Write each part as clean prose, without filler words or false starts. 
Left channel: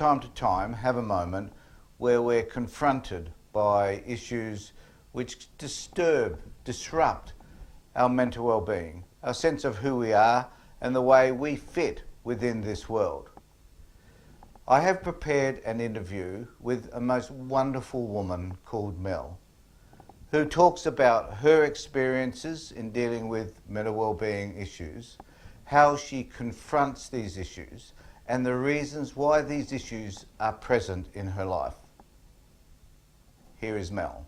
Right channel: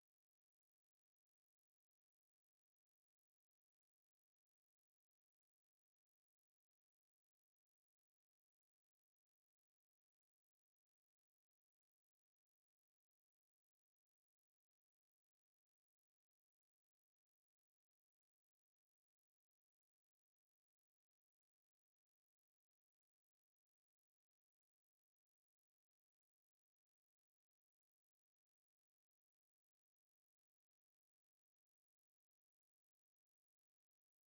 time to time have a moment where we're confronted by issues which disrupt our mental well-being, our sense of who we are and the way we fit within this world. I have prepared an interview with a most wonderful woman called Mel, who talks about her experiences in dealing with mental well-being issues, how she confronts these issues, and the reasons why these issues are present in her life. Here is Mel.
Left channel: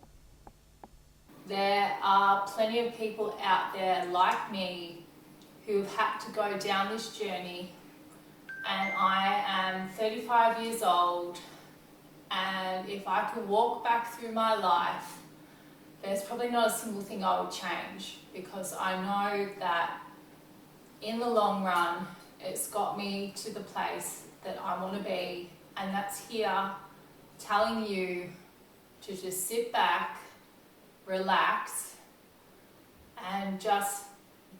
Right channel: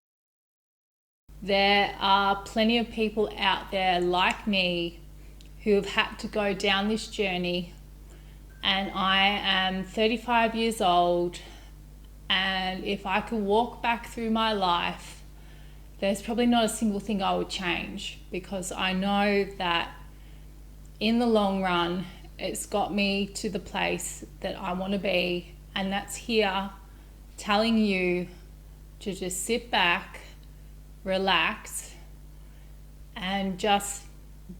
There are plenty of people out there like me who have had to go down this journey, and I am 35 years old, and if I could walk back through my life, there's probably not a single thing I would change, because I know that in the long run it's got me to the place that I want to be, and that's here telling you to just sit back, relax, and just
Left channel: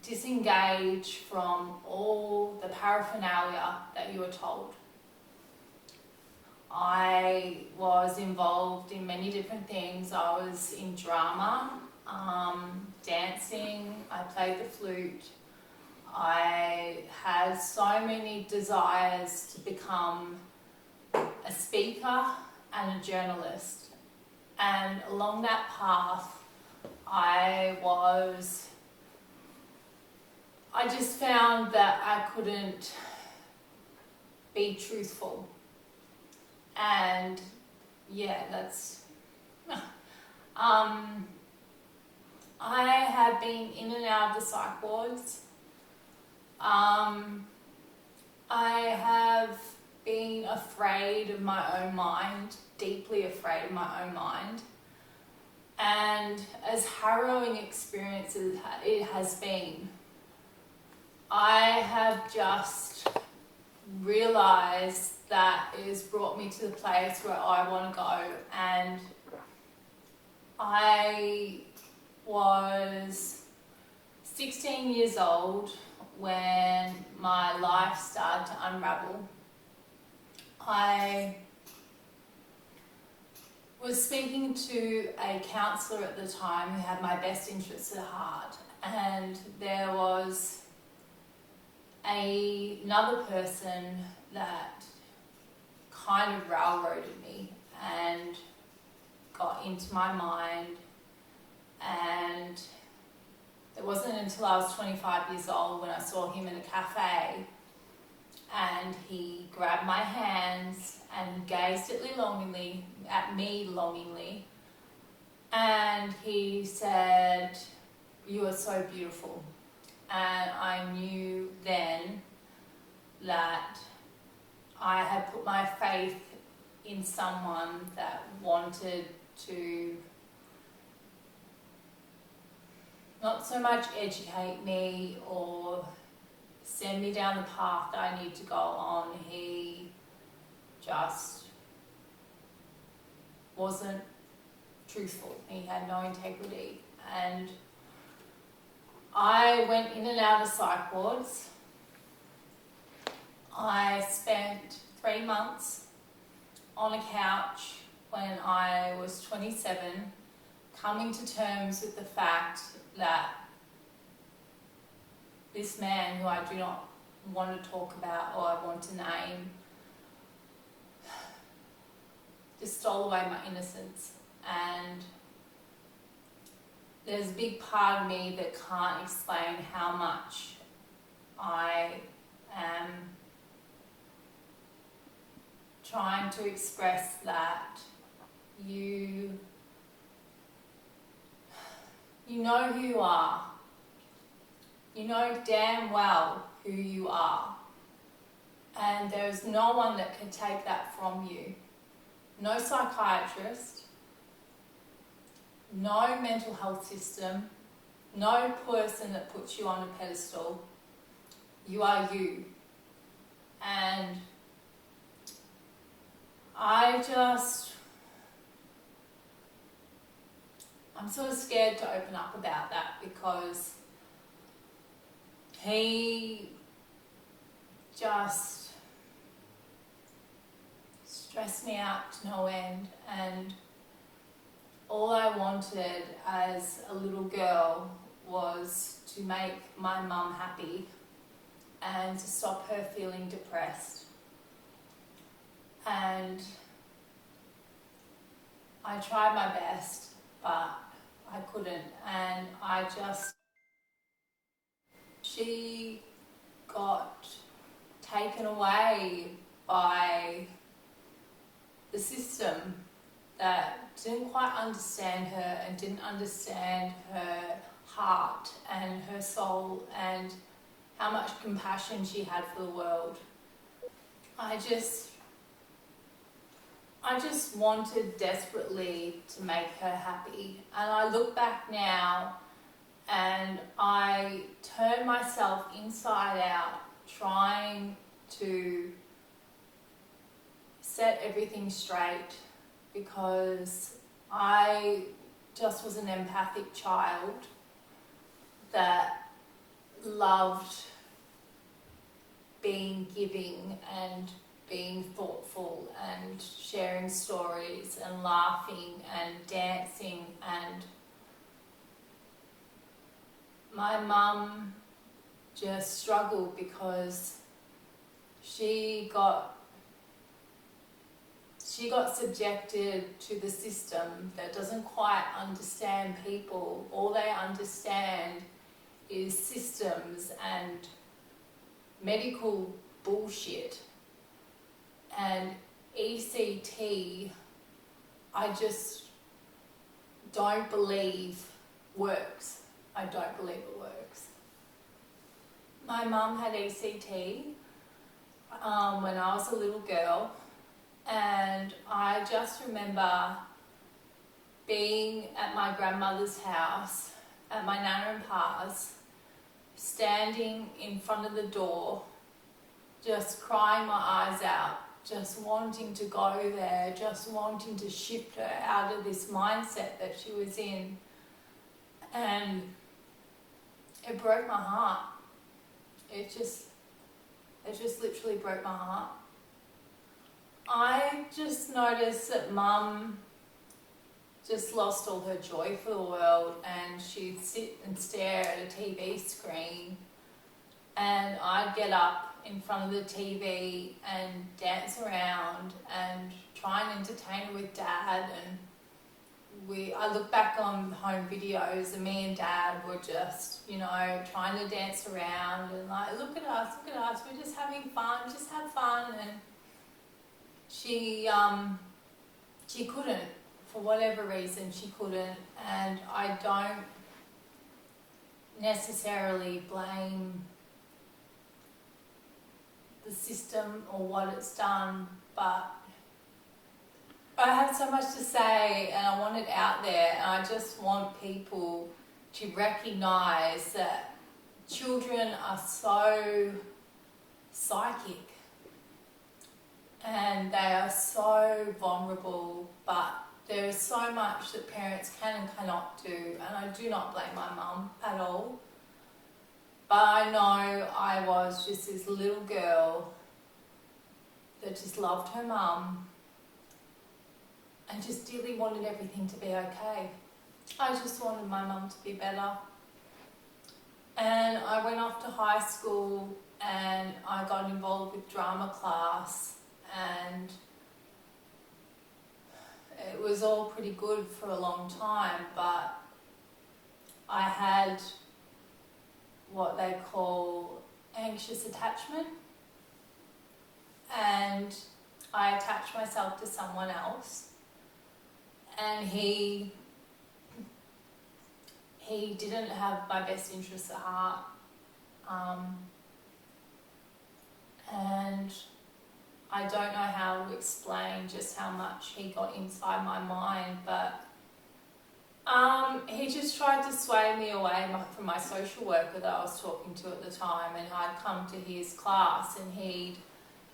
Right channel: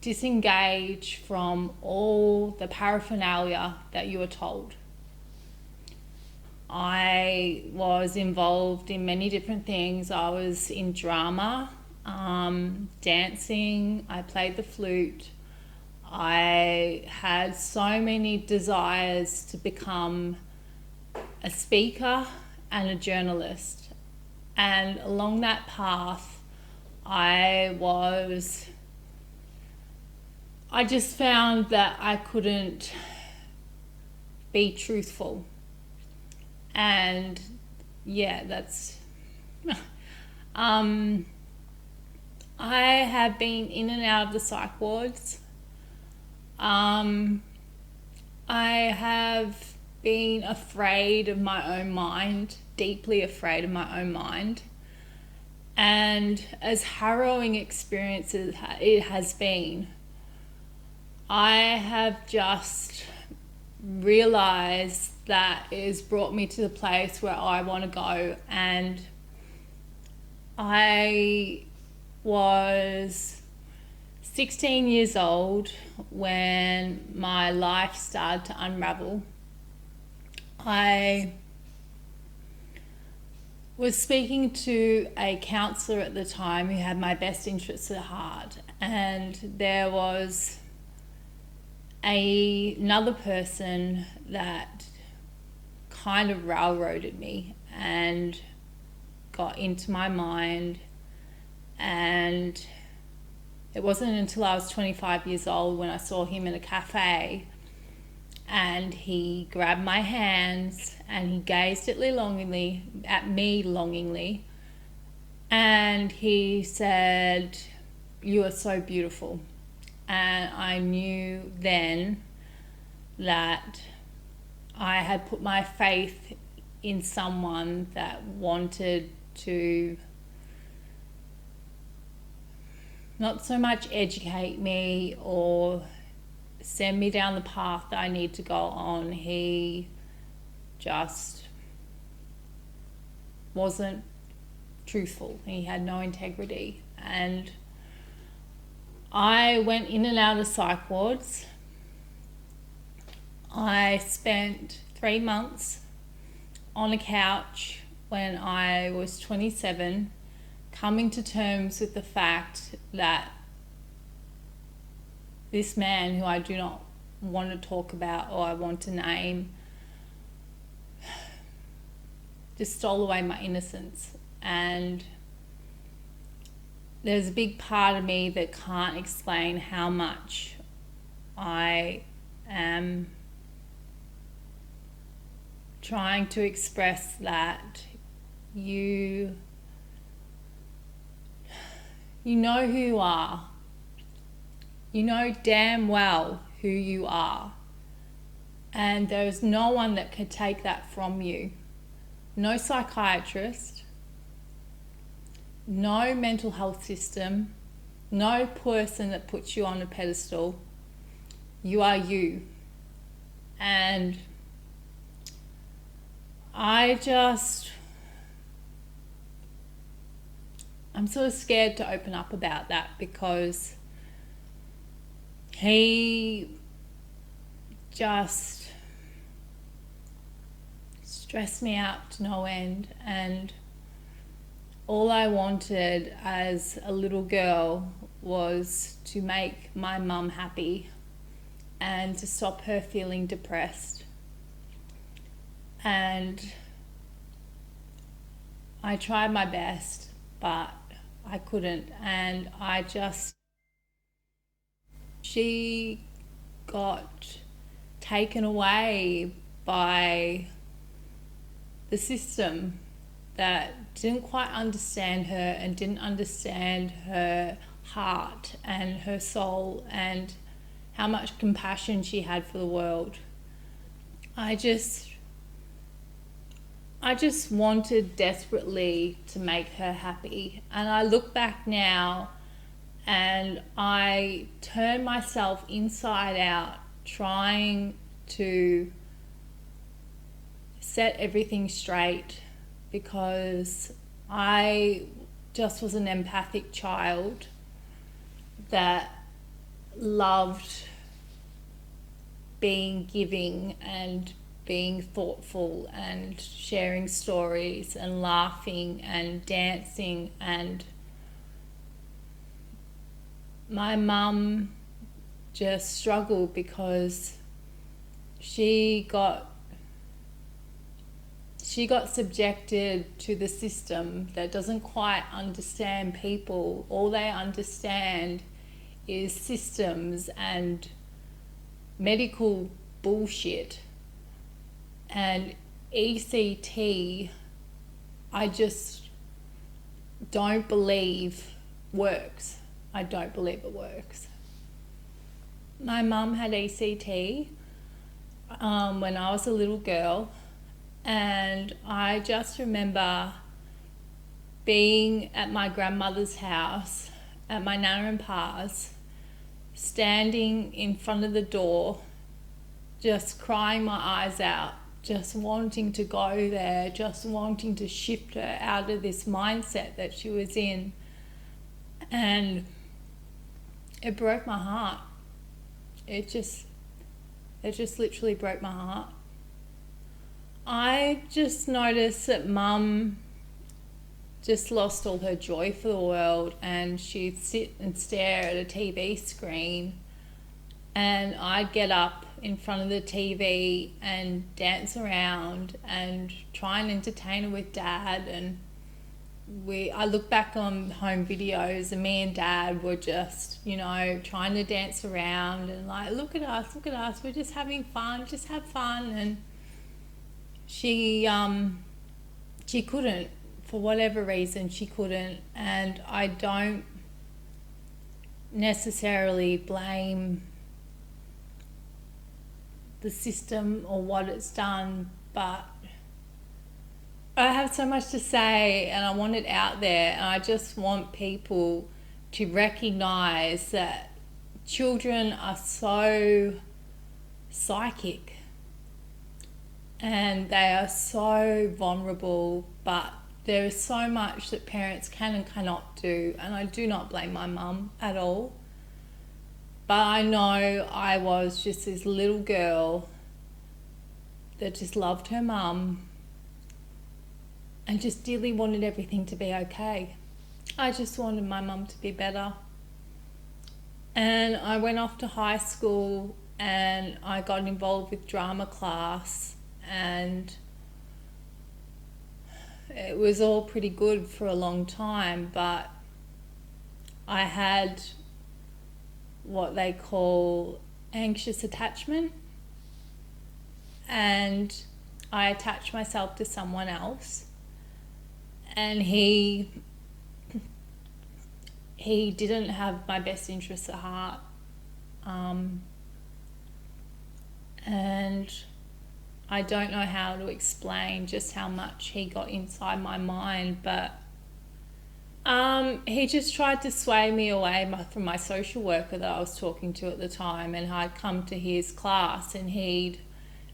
disengage from all the paraphernalia that you were told. I was involved in many different things. I was in drama, dancing, I played the flute. I had so many desires to become a speaker and a journalist. And along that path, I just found that I couldn't be truthful. And yeah, that's I have been in and out of the psych wards. I have been afraid of my own mind, deeply afraid of my own mind. And as harrowing experiences it has been, I have just realized that it has brought me to the place where I want to go. And I was 16 years old when my life started to unravel. I was speaking to a counsellor at the time who had my best interests at heart, and there was another person that kind of railroaded me and got into my mind. And it wasn't until I was 25 years old when I saw him in a cafe, and he grabbed my hands and he gazed at me longingly, and he said, "You are so beautiful." And I knew then that I had put my faith in someone that wanted to not so much educate me or send me down the path that I need to go on. He just wasn't truthful. He had no integrity. And I went in and out of the psych wards. I spent 3 months on a couch when I was 27, coming to terms with the fact that this man, who I do not want to talk about or I want to name, just stole away my innocence. And there's a big part of me that can't explain how much I am trying to express that you know who you are. You know damn well who you are. And there's no one that can take that from you. No psychiatrist, no mental health system, no person that puts you on a pedestal. You are you. And I'm sort of scared to open up about that, because he just stressed me out to no end, and all I wanted as a little girl was to make my mum happy and to stop her feeling depressed. And I tried my best, but I couldn't. And she got taken away by the system that didn't quite understand her and didn't understand her heart and her soul and how much compassion she had for the world. I just wanted desperately to make her happy. And I look back now and I turn myself inside out trying to set everything straight, because I just was an empathic child that loved being giving and being thoughtful and sharing stories and laughing and dancing. And my mum just struggled because she got subjected to the system that doesn't quite understand people. All they understand is systems and medical bullshit. And ECT, I just don't believe works. I don't believe it works. My mum had ECT when I was a little girl, and I just remember being at my grandmother's house at my Nana and Pa's, standing in front of the door, just crying my eyes out, just wanting to go there, just wanting to shift her out of this mindset that she was in. And it broke my heart. It just literally broke my heart. I just noticed that Mum just lost all her joy for the world, and she'd sit and stare at a TV screen, and I'd get up in front of the TV and dance around and try and entertain her with Dad. And I look back on home videos and me and Dad were just, trying to dance around and like, look at us, we're just having fun, just have fun. And she couldn't, for whatever reason, she couldn't. And I don't necessarily blame the system or what it's done, but I have so much to say and I want it out there, and I just want people to recognize that children are so psychic and they are so vulnerable, but there is so much that parents can and cannot do, and I do not blame my mum at all. But I know I was just this little girl that just loved her mum and just dearly wanted everything to be okay. I just wanted my mum to be better. And I went off to high school and I got involved with drama class, and it was all pretty good for a long time, but I had what they call anxious attachment, and I attached myself to someone else, and he didn't have my best interests at heart, and I don't know how to explain just how much he got inside my mind, but he just tried to sway me away from my social worker that I was talking to at the time, and I'd come to his class and he'd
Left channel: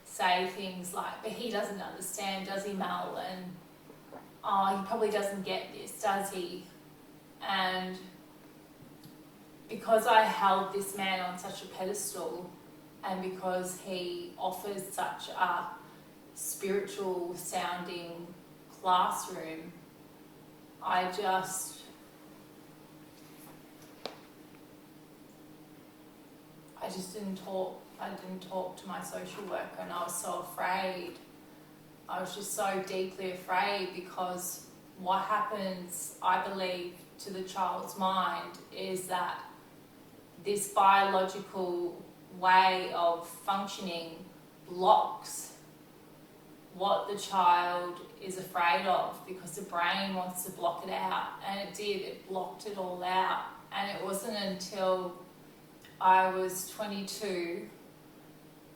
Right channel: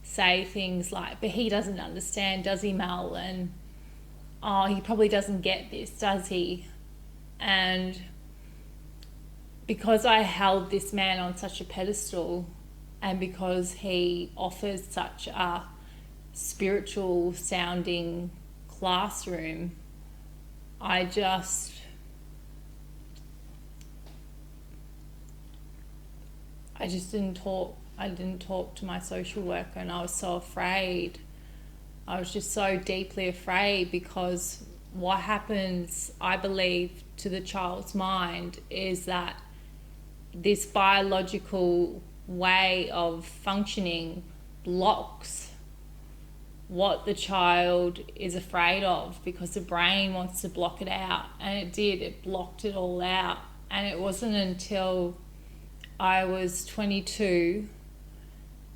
say things like, but he doesn't understand, does he, Mel? And, oh, he probably doesn't get this, does he? And because I held this man on such a pedestal, and because he offers such a spiritual sounding classroom, I just didn't talk. I didn't talk to my social worker, and I was so afraid. I was just so deeply afraid, because what happens, I believe, to the child's mind is that this biological way of functioning blocks what the child is afraid of, because the brain wants to block it out, and it did. It blocked it all out. And it wasn't until I was 22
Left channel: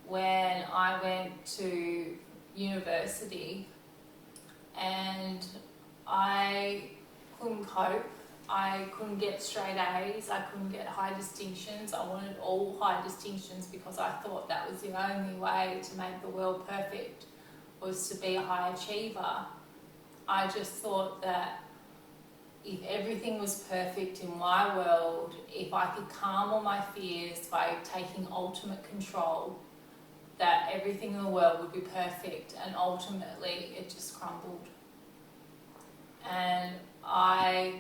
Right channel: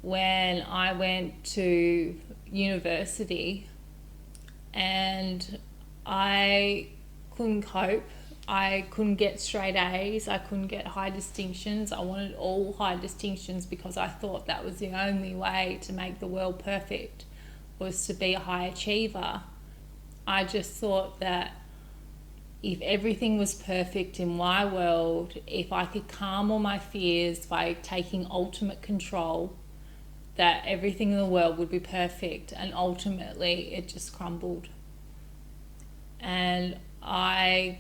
when I went to university, and I couldn't cope. I couldn't get straight A's. I couldn't get high distinctions. I wanted all high distinctions, because I thought that was the only way to make the world perfect, was to be a high achiever. I just thought that if everything was perfect in my world, if I could calm all my fears by taking ultimate control, that everything in the world would be perfect. And ultimately it just crumbled. And I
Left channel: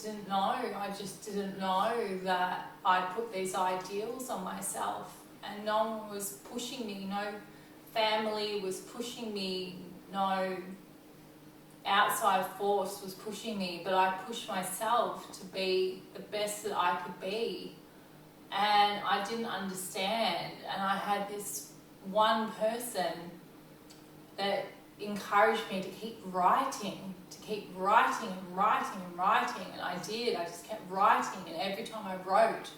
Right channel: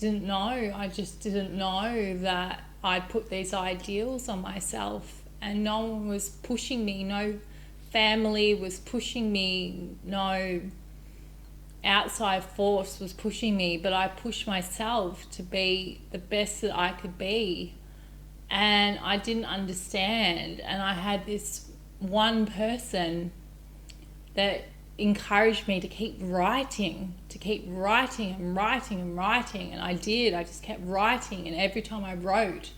didn't know. I just didn't know that I'd put these ideals on myself, and no one was pushing me. No family was pushing me. No outside force was pushing me, but I pushed myself to be the best that I could be. And I didn't understand. And I had this one person that encouraged me to keep writing and writing and writing. And I did. I just kept writing. And every time I wrote,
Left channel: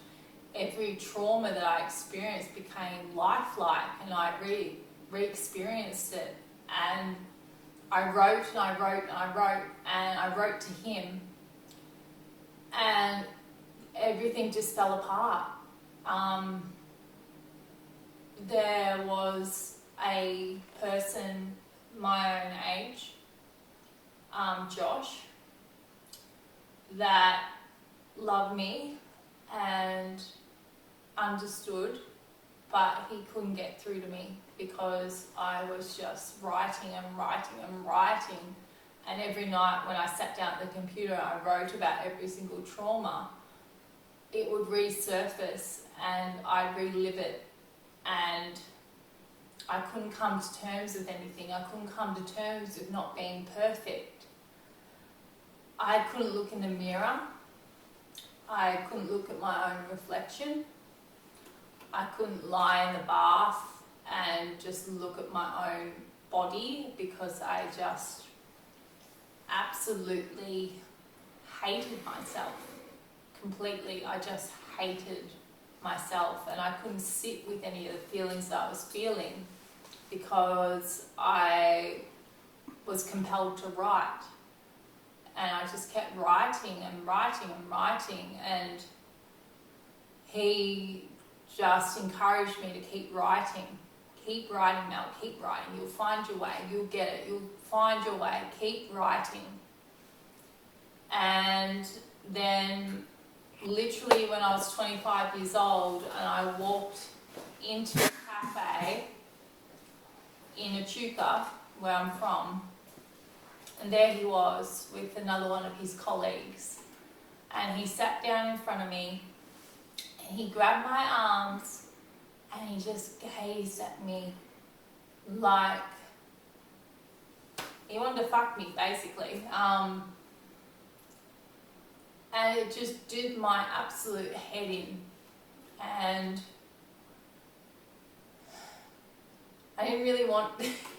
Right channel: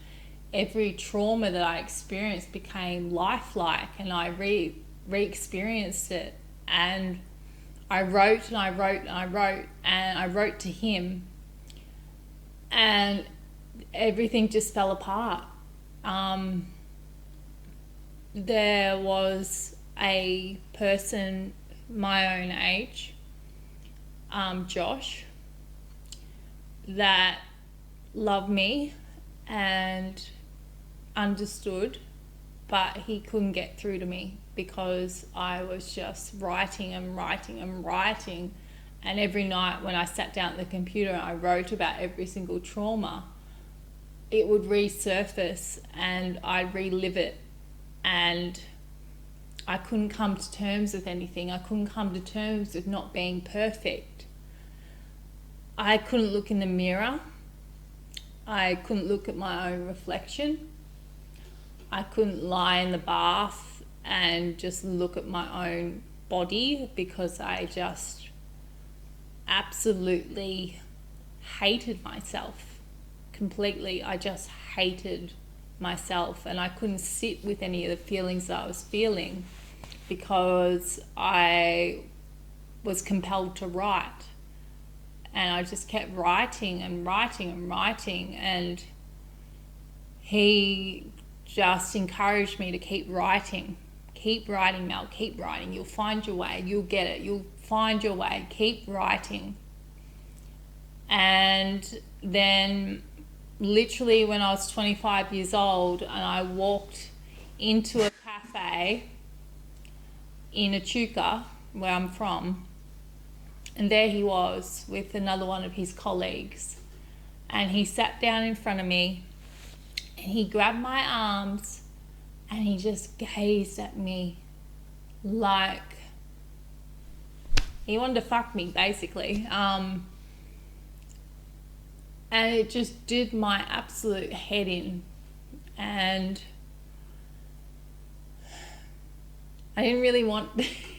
every trauma that I experienced became lifelike, and I re-experienced it. And I wrote and I wrote and I wrote, and I wrote to him, and everything just fell apart. There was a person my own age, Josh, that loved me and understood, but he couldn't get through to me, because I was just writing and writing and writing. And every night when I sat down at the computer and I wrote about every single trauma, it would resurface and I'd relive it. And I couldn't come to terms with anything. I couldn't come to terms with not being perfect. I couldn't look in the mirror. I couldn't look at my own reflection. I couldn't lie in the bath and just look at my own body, because I just absolutely hated myself completely. I just hated myself, and I couldn't sit with any of the feelings that I was feeling, because I was compelled to write. And I just kept writing and writing and writing, and he just encouraged me to keep writing. Keep writing, Mel, keep writing. You'll find your way, you'll get it, you'll find your way, keep writing. And then literally when I was 25 years old, and I walked into a cafe in Echuca, where I'm from, and there he was with another one of his colleagues, and he sat down in front of me, and he grabbed my arms, and he just gazed at me like he wanted to fuck me, basically. And it just did my absolute head in. And I didn't really want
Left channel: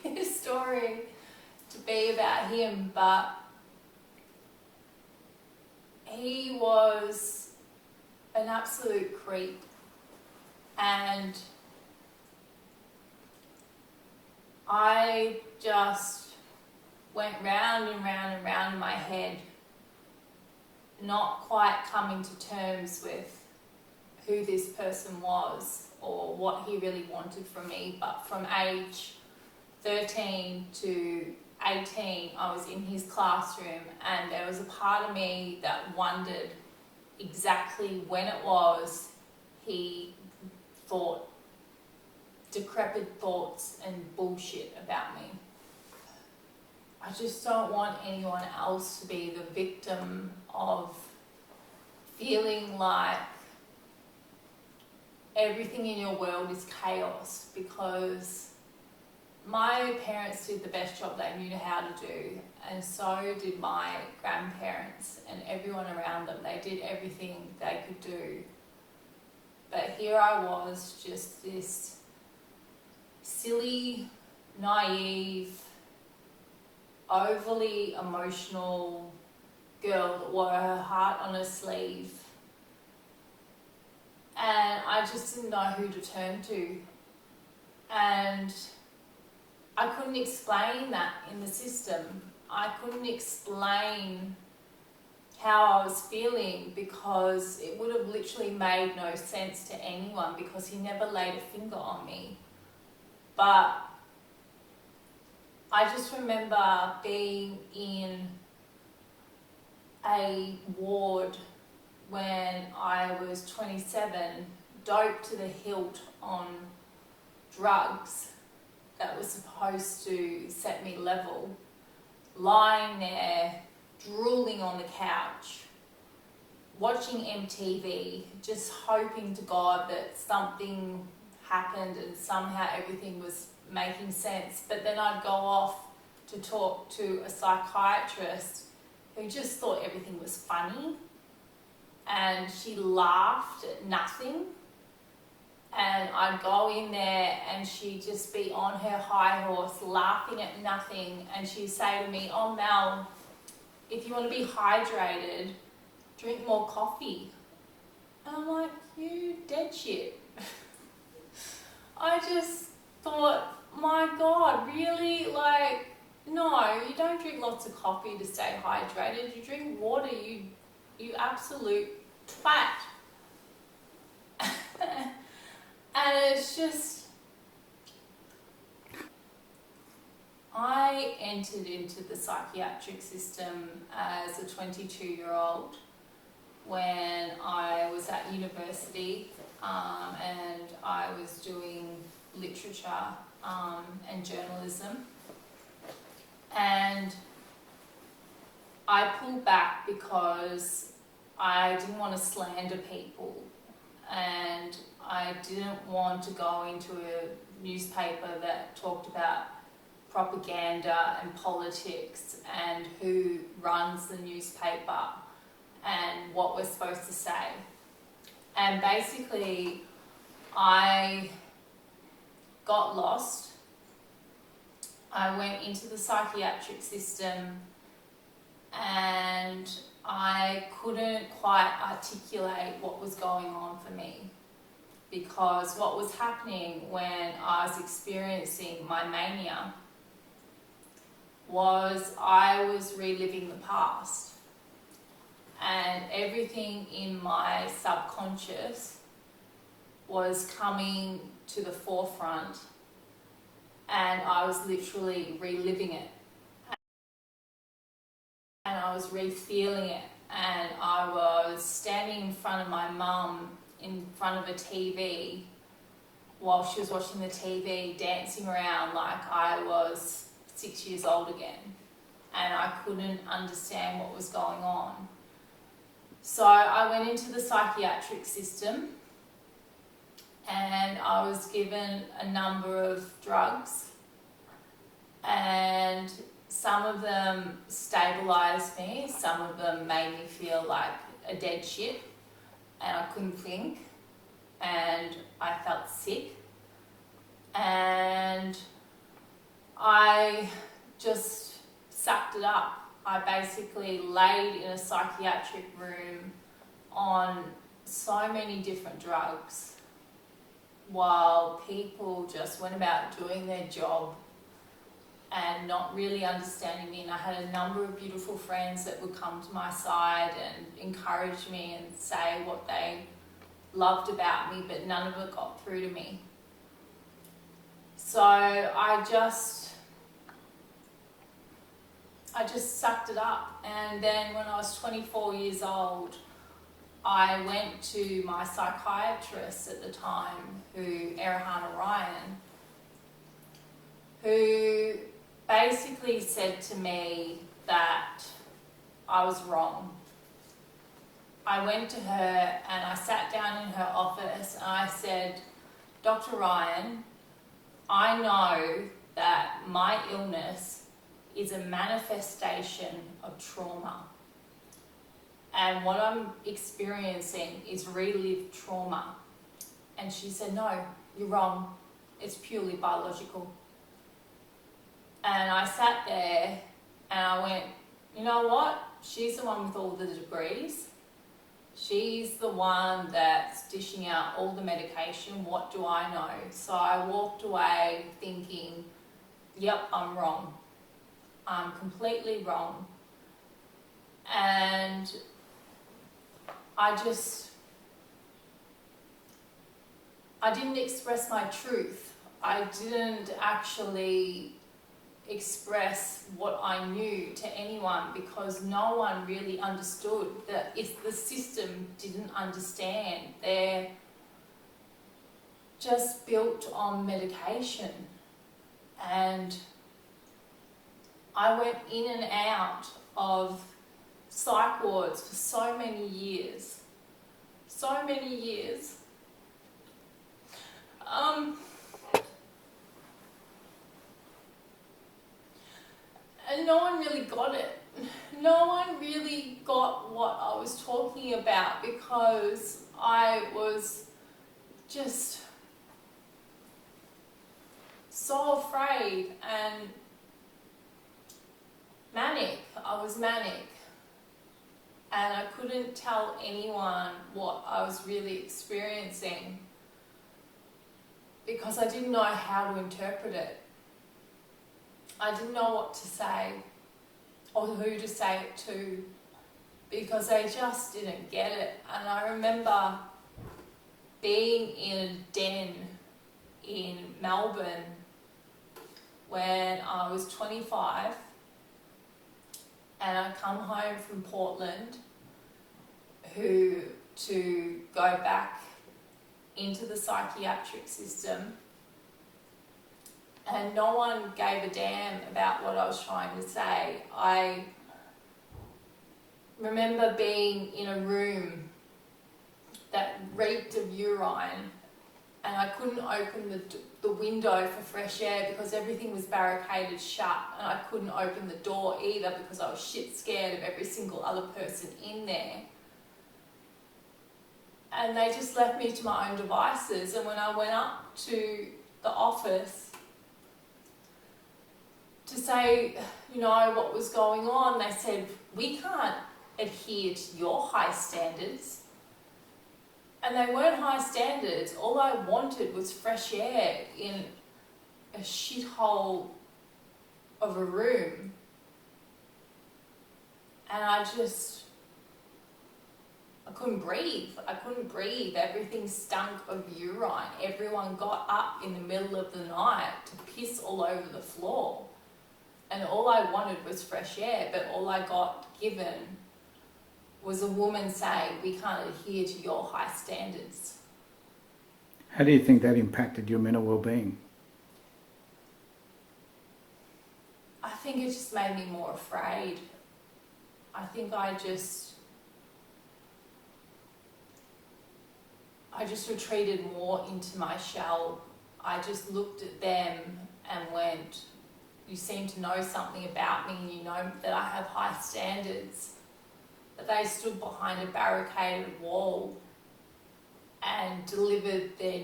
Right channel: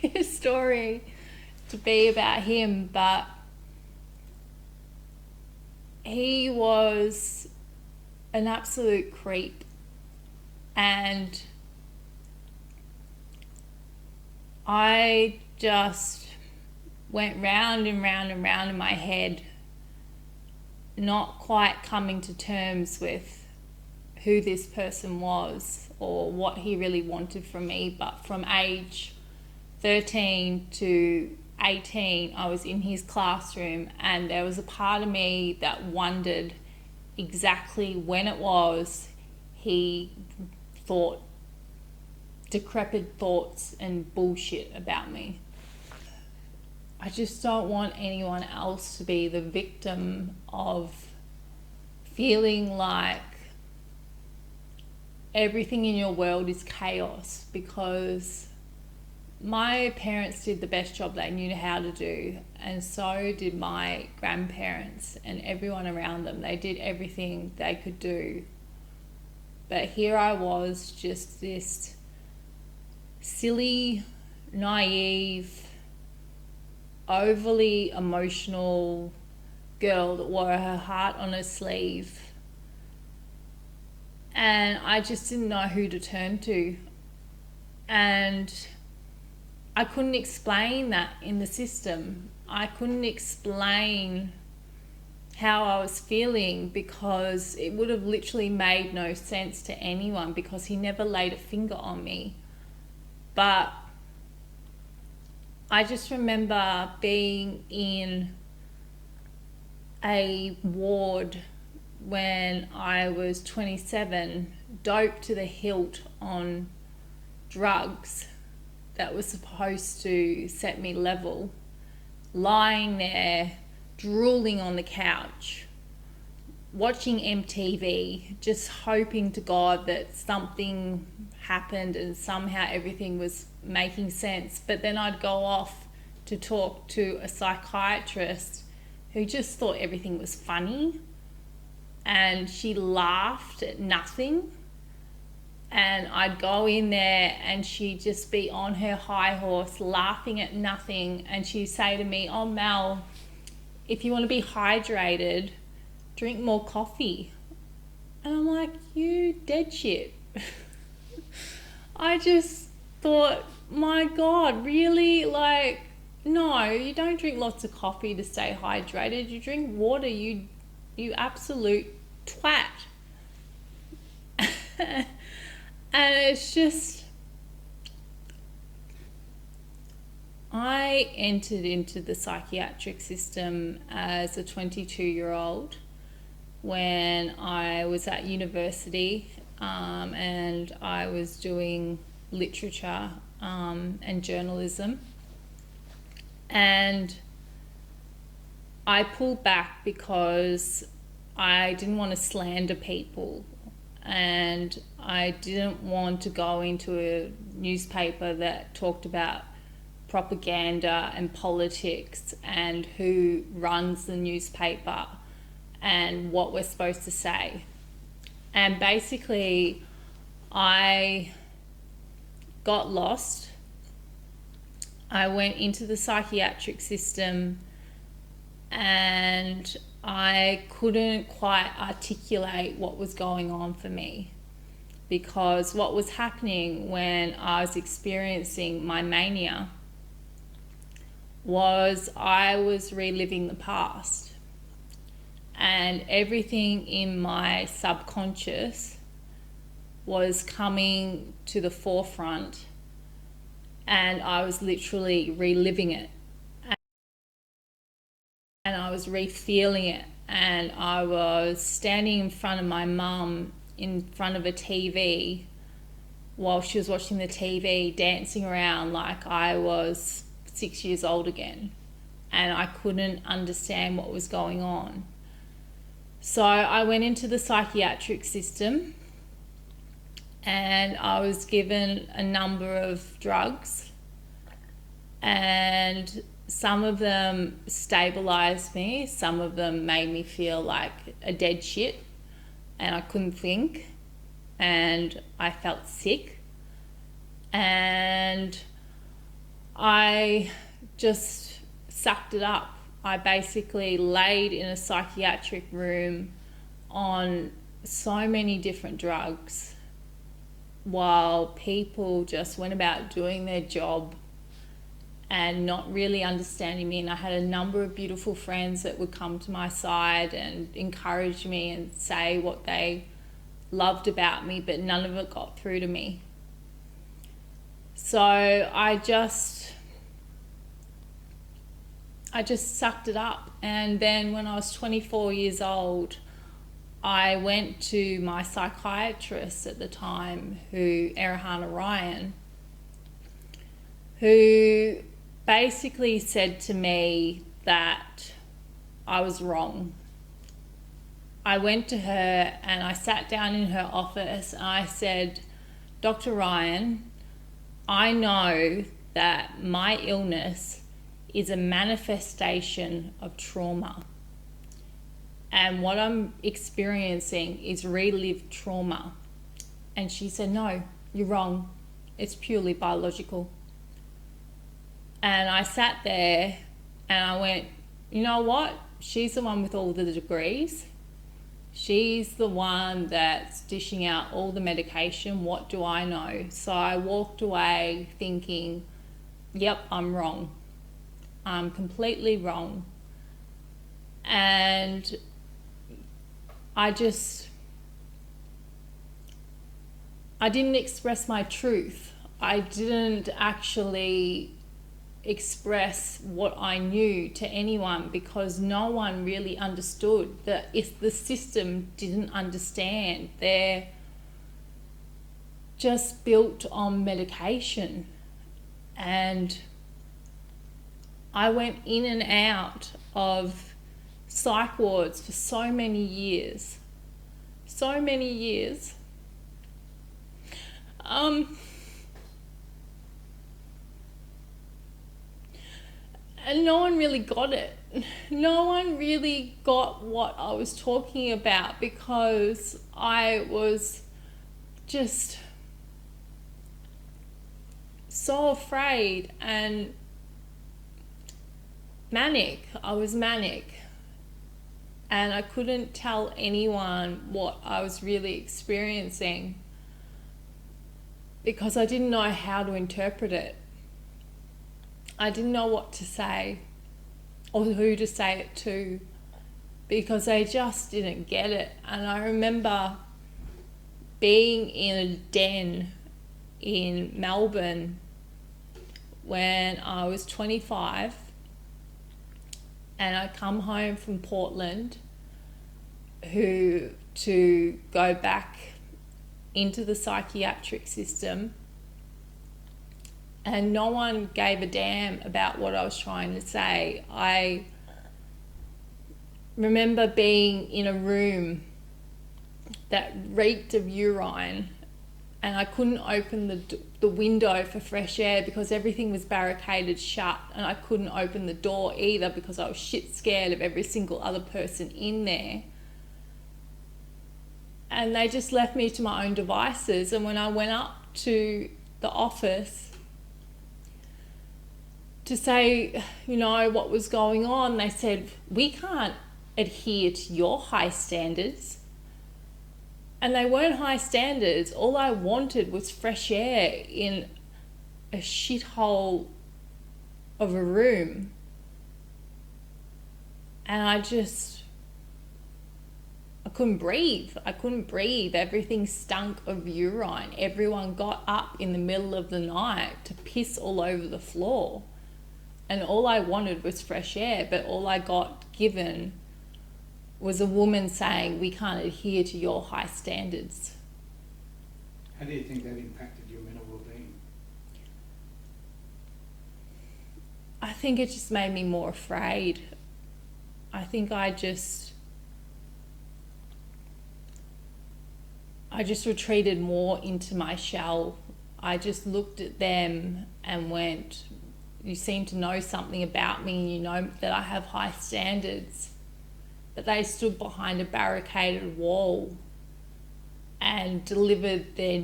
this story to be about him, but he was an absolute creep. And I just went round and round and round in my head, not quite coming to terms with who this person was or what he really wanted from me. But from age 13 to 18, I was in his classroom, and there was a part of me that wondered exactly when it was he thought decrepit thoughts and bullshit about me. I just don't want anyone else to be the victim of feeling like everything in your world is chaos, because my parents did the best job they knew how to do, and so did my grandparents and everyone around them. They did everything they could do. But here I was, just this silly, naive, overly emotional girl that wore her heart on her sleeve. And I just didn't know who to turn to. And I couldn't explain that in the system. I couldn't explain how I was feeling, because it would have literally made no sense to anyone, because he never laid a finger on me. But I just remember being in a ward when I was 27, doped to the hilt on drugs that was supposed to set me level, lying there, drooling on the couch, watching MTV, just hoping to God that something happened and somehow everything was making sense. But then I'd go off to talk to a psychiatrist who just thought everything was funny, and she laughed at nothing. And I'd go in there and she'd just be on her high horse laughing at nothing, and she'd say to me, "Oh Mel, if you want to be hydrated, drink more coffee." And I'm like, you dead shit. I just thought, my God, really? Like, no, you don't drink lots of coffee to stay hydrated. You drink water, you absolute twat. And it's just, I entered into the psychiatric system as a 22-year-old when I was at university, and I was doing literature and journalism. And I pulled back because I didn't want to slander people, and I didn't want to go into a newspaper that talked about propaganda and politics and who runs the newspaper and what we're supposed to say. And basically, I got lost. I went into the psychiatric system and I couldn't quite articulate what was going on for me, because what was happening when I was experiencing my mania was I was reliving the past, and everything in my subconscious was coming to the forefront, and I was literally reliving it, and I was re-feeling it. And I was standing in front of my mum in front of a TV while she was watching the TV, dancing around like I was 6 years old again, and I couldn't understand what was going on. So I went into the psychiatric system and I was given a number of drugs, and some of them stabilized me, some of them made me feel like a dead shit and I couldn't think, and I felt sick, and I just sucked it up. I basically laid in a psychiatric room on so many different drugs while people just went about doing their job and not really understanding me. And I had a number of beautiful friends that would come to my side and encourage me and say what they loved about me, but none of it got through to me. So I just sucked it up. And then when I was 24 years old, I went to my psychiatrist at the time, Erhan Ryan, who basically said to me that I was wrong. I went to her and I sat down in her office and I said, Dr. Ryan, I know that my illness is a manifestation of trauma. And what I'm experiencing is relived trauma. And she said, no, you're wrong. It's purely biological. And I sat there and I went, you know what? She's the one with all the degrees. She's the one that's dishing out all the medication. What do I know? So I walked away thinking, yep, I'm wrong. I'm completely wrong. And I didn't express my truth. I didn't actually express what I knew to anyone because no one really understood. That if the system didn't understand, they're just built on medication. And I went in and out of psych wards for so many years. And no one really got it. No one really got what I was talking about because I was just so afraid and manic. I was manic. And I couldn't tell anyone what I was really experiencing because I didn't know how to interpret it. I didn't know what to say or who to say it to because they just didn't get it. And I remember being in a den in Melbourne when I was 25 and I come home from Portland to go back into the psychiatric system, and no one gave a damn about what I was trying to say. I remember being in a room that reeked of urine and I couldn't open the window for fresh air because everything was barricaded shut, and I couldn't open the door either because I was shit scared of every single other person in there. And they just left me to my own devices. And when I went up to the office to say, you know, what was going on, they said, we can't adhere to your high standards. And they weren't high standards. All I wanted was fresh air in a shithole of a room. And I couldn't breathe. I couldn't breathe. Everything stunk of urine. Everyone got up in the middle of the night to piss all over the floor. And all I wanted was fresh air, but all I got given was a woman saying, we can't adhere to your high standards. How do you think that impacted your mental well-being? I think it just made me more afraid. I think I just retreated more into my shell. I just looked at them and went, you seem to know something about me and you know that I have high standards. But they stood behind a barricaded wall and delivered their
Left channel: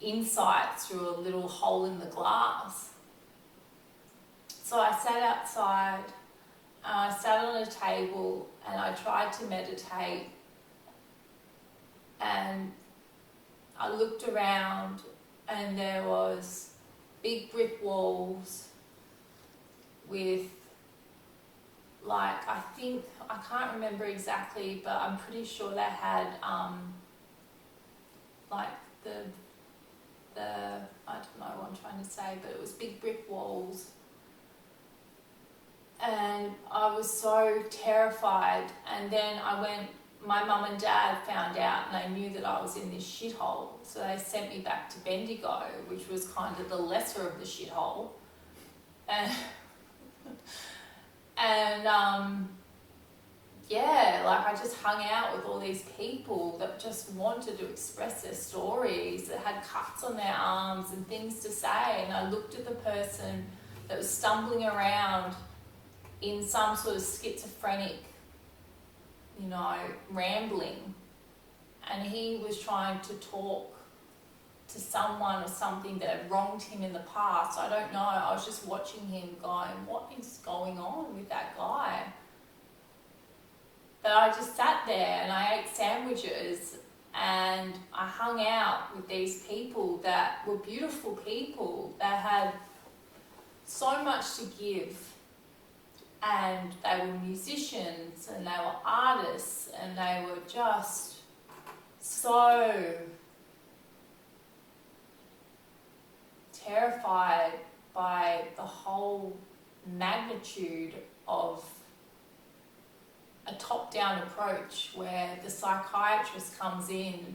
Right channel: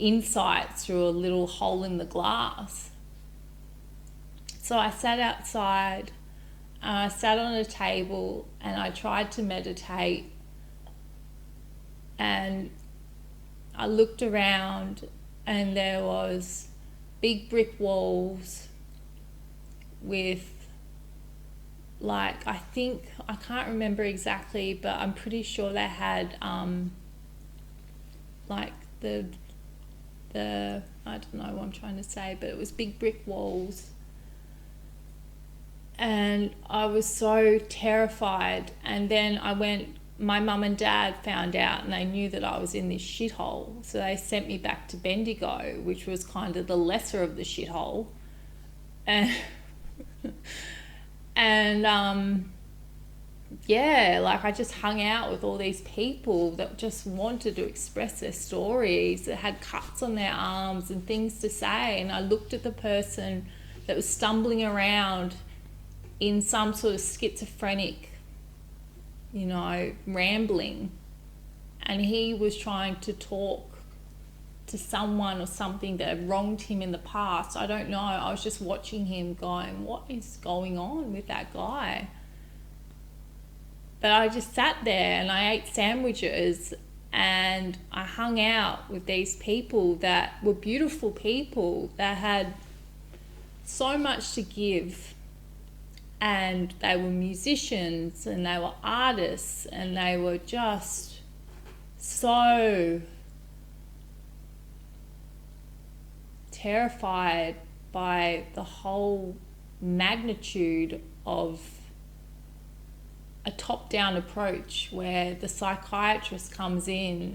insights through a little hole in the glass. So I sat outside, I sat on a table and I tried to meditate, and I looked around and there was big brick walls with, like, I can't remember exactly, but I'm pretty sure they had like the I don't know what I'm trying to say, but it was big brick walls. And I was so terrified. And then my mum and dad found out and they knew that I was in this shithole. So they sent me back to Bendigo, which was kind of the lesser of the shithole. and and yeah, like I just hung out with all these people that just wanted to express their stories, that had cuts on their arms and things to say. And I looked at the person that was stumbling around in some sort of schizophrenic, rambling. And he was trying to talk to someone or something that had wronged him in the past. I don't know. I was just watching him going, what is going on with that guy? But I just sat there and I ate sandwiches and I hung out with these people that were beautiful people that had so much to give. And they were musicians and they were artists and they were just so terrified by the whole magnitude of a top-down approach where the psychiatrist comes in,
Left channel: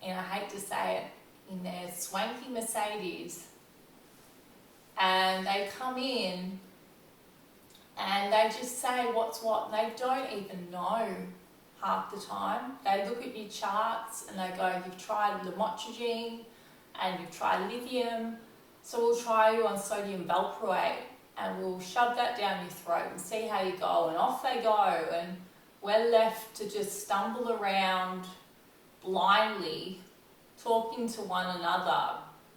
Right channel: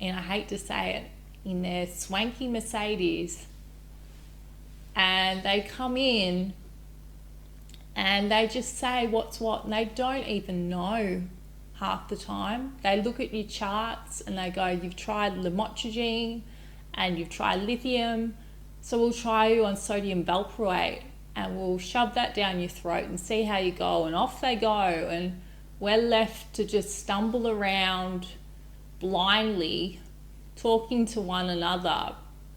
and I hate to say it, in their swanky Mercedes, and they come in and they just say what's what, and they don't even know half the time. They look at your charts and they go, you've tried lamotrigine and you've tried lithium, so we'll try you on sodium valproate and we'll shove that down your throat and see how you go. And off they go, and we're left to just stumble around blindly, talking to one another,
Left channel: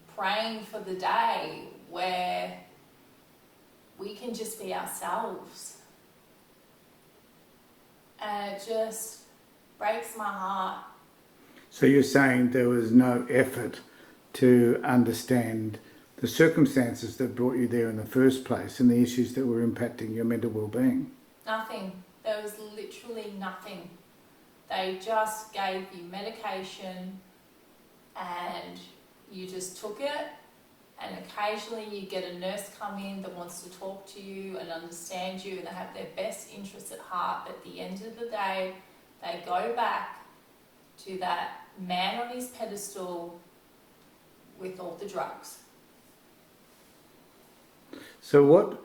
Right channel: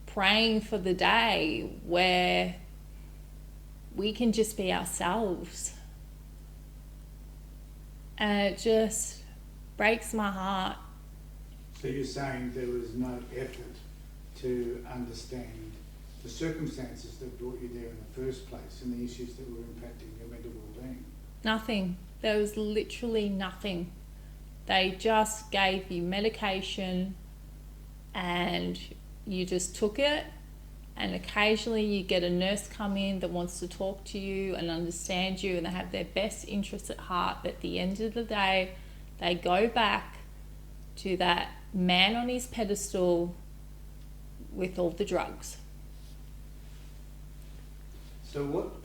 praying for the day where we can just be ourselves. And it just breaks my heart. So you're saying there was no effort to understand the circumstances that brought you there in the first place and the issues that were impacting your mental well-being? Nothing. There was literally nothing. They just gave you medication and you just took it, and occasionally you get a nurse come in that wants to talk to you and understand you, and they have their best interests at heart. But at the end of the day, they go back to that man on his pedestal with all the drugs. So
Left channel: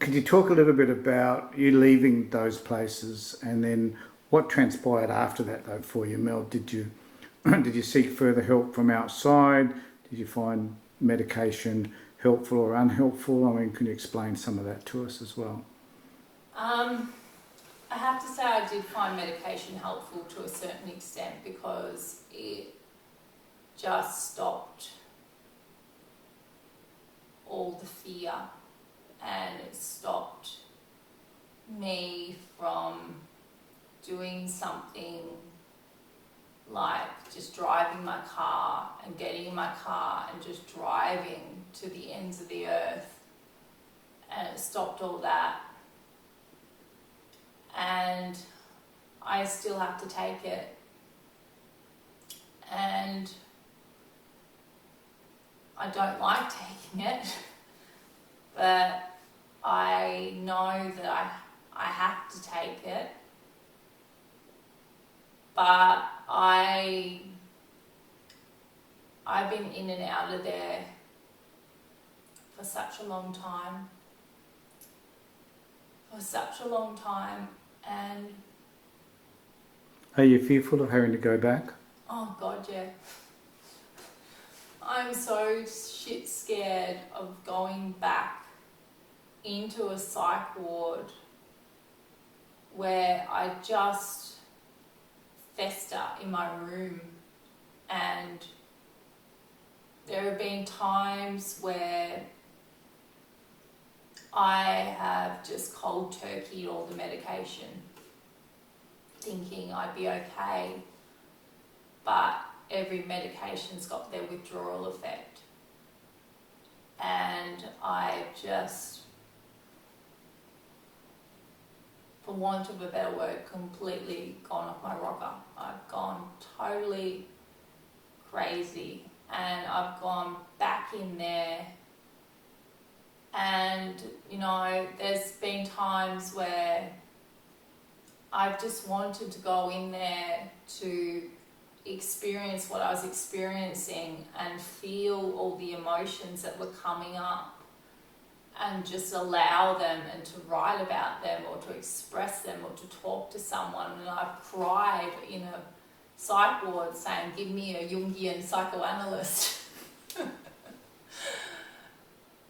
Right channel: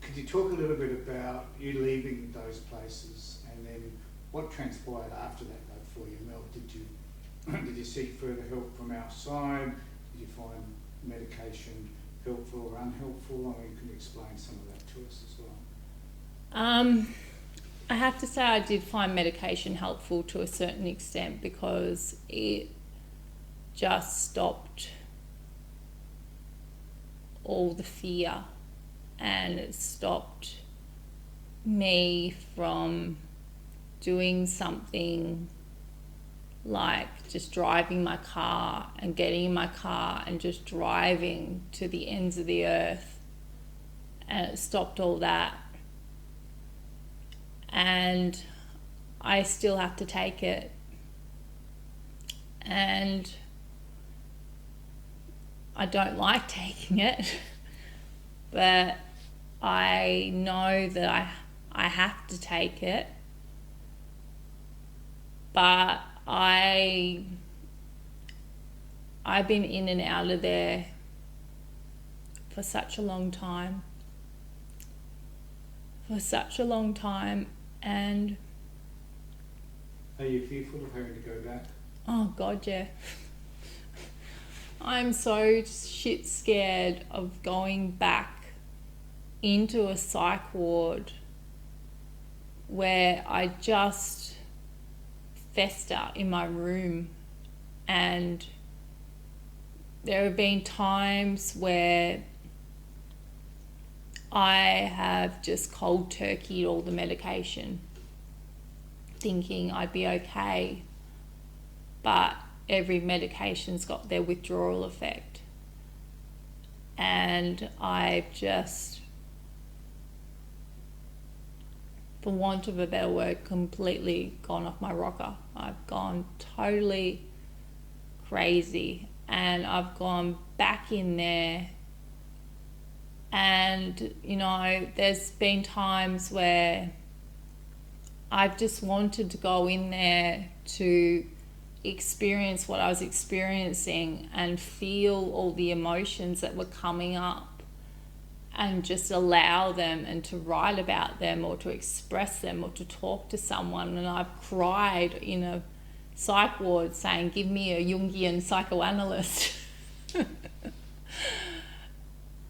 could you talk a little bit about you leaving those places, and then what transpired after that though for you, Mel? Did you seek further help from outside? Did you find medication helpful or unhelpful? I mean, can you explain some of that to us as well? I have to say I did find medication helpful to a certain extent, because it just stopped all the fear, and it stopped me from doing something like just driving my car and getting in my car and just driving to the ends of the earth, and it stopped all that. And I still have to take it, and I don't like taking it, but I know that I have to take it. But I've been in and out of there for such a long time. And are you fearful of having to go back? oh God, yeah. I'm so shit scared of going back into a psych ward where I just fester in my room. And there have been times where I have just cold turkeyed all the medication, thinking I'd be okay, but every medication's got their withdrawal effect, and I've just, for want of a better word, completely gone off my rocker. I've gone totally crazy, and I've gone back in there. And there's been times where I've just wanted to go in there to experience what I was experiencing and feel all the emotions that were coming up. and just allow them and to write about them or to express them or to talk to someone. And I've cried in a psych ward saying, give me a Jungian psychoanalyst.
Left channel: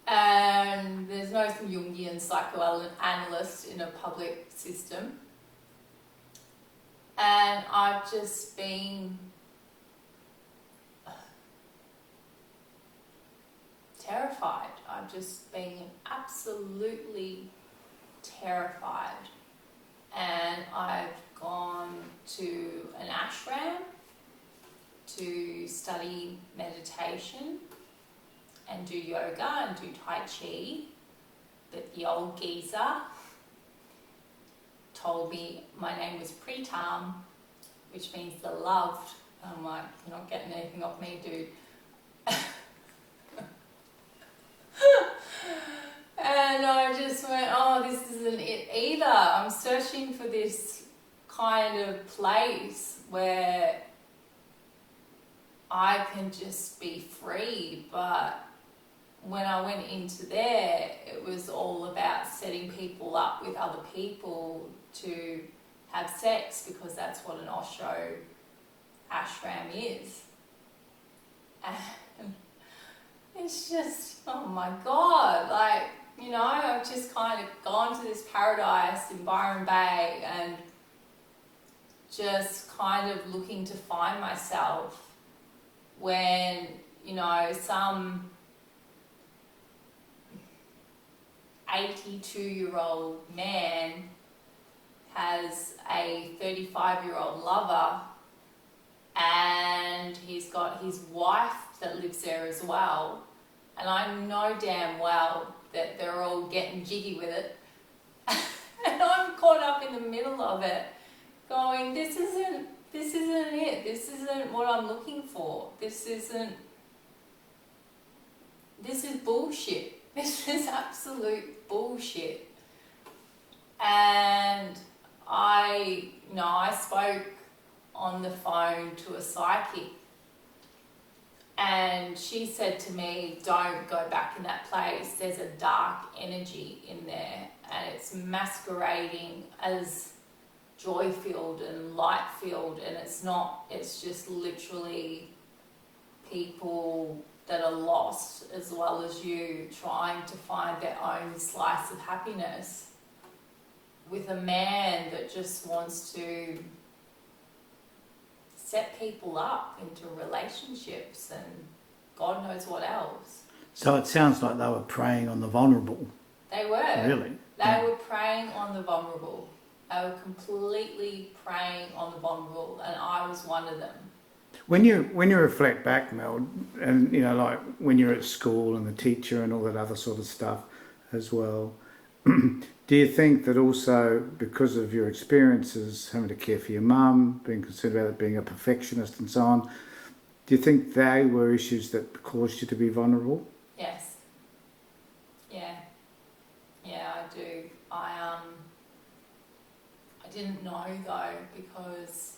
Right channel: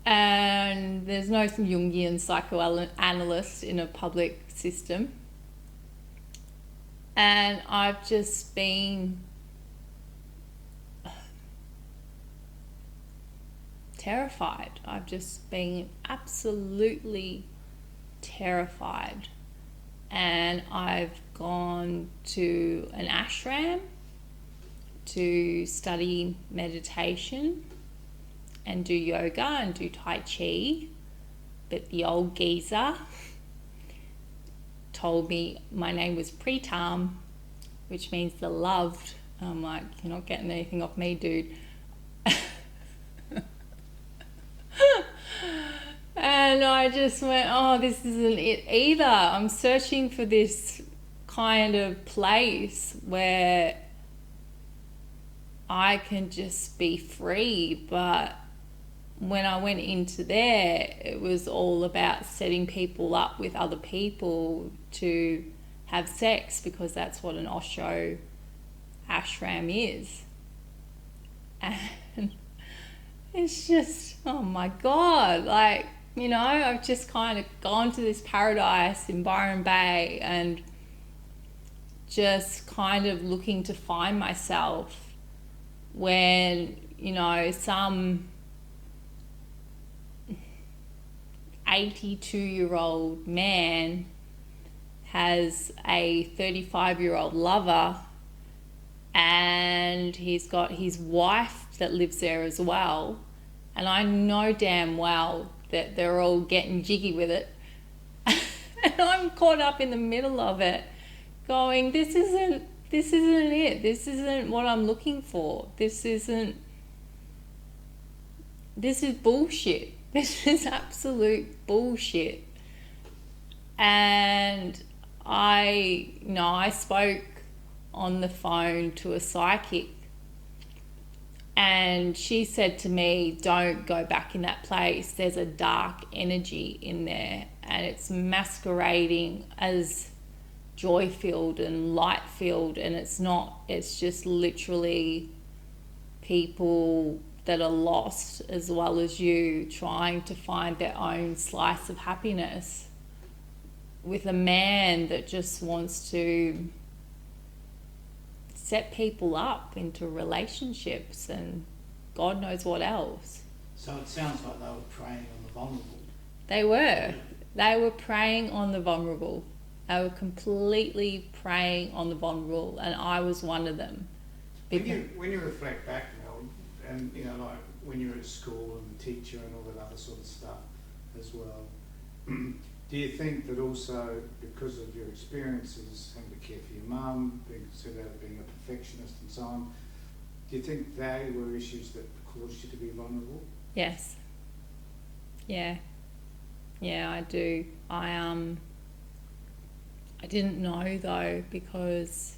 And there's no Jungian psychoanalyst in a public system. And I've just been terrified. I've just been absolutely terrified. And I've gone to an ashram to study meditation and do yoga and do Tai Chi. But the old geezer told me my name was Pritam, which means the loved. And I'm like, you're not getting anything off me, dude. And I just went, oh, this isn't it either. I'm searching for this kind of place where I can just be free. But when I went into there, it was all about setting people up with other people to have sex, because that's what an Osho ashram is. And it's just, oh my God, like, you know, I've just kind of gone to this paradise in Byron Bay and just kind of looking to find myself when, you know, some 82-year-old man has a 35-year-old lover, and he's got his wife that lives there as well. And I know damn well that they're all getting jiggy with it. And I'm caught up in the middle of it going, this isn't it. This isn't what I'm looking for. This is bullshit. This is absolute bullshit. And I spoke on the phone to a psychic, and she said to me, don't go back in that place. There's a dark energy in there, and it's masquerading as joy-filled and light-filled, and it's not. It's just literally people that are lost as well as you, trying to find their own slice of happiness with a man that just wants to set people up into relationships and God knows what else. So it sounds like they were preying on the vulnerable. They were. Really? They were preying on the vulnerable. They were completely preying on the vulnerable, and I was one of them. When you reflect back, Mel, and you know, like when you're at school and the teacher and all that other sort of stuff as well, do you think that also because of your experiences, having to care for your mum, being concerned about it, being a perfectionist and so on, do you think they were issues that caused you to be vulnerable? Yes. Yeah, I do. I didn't know though, because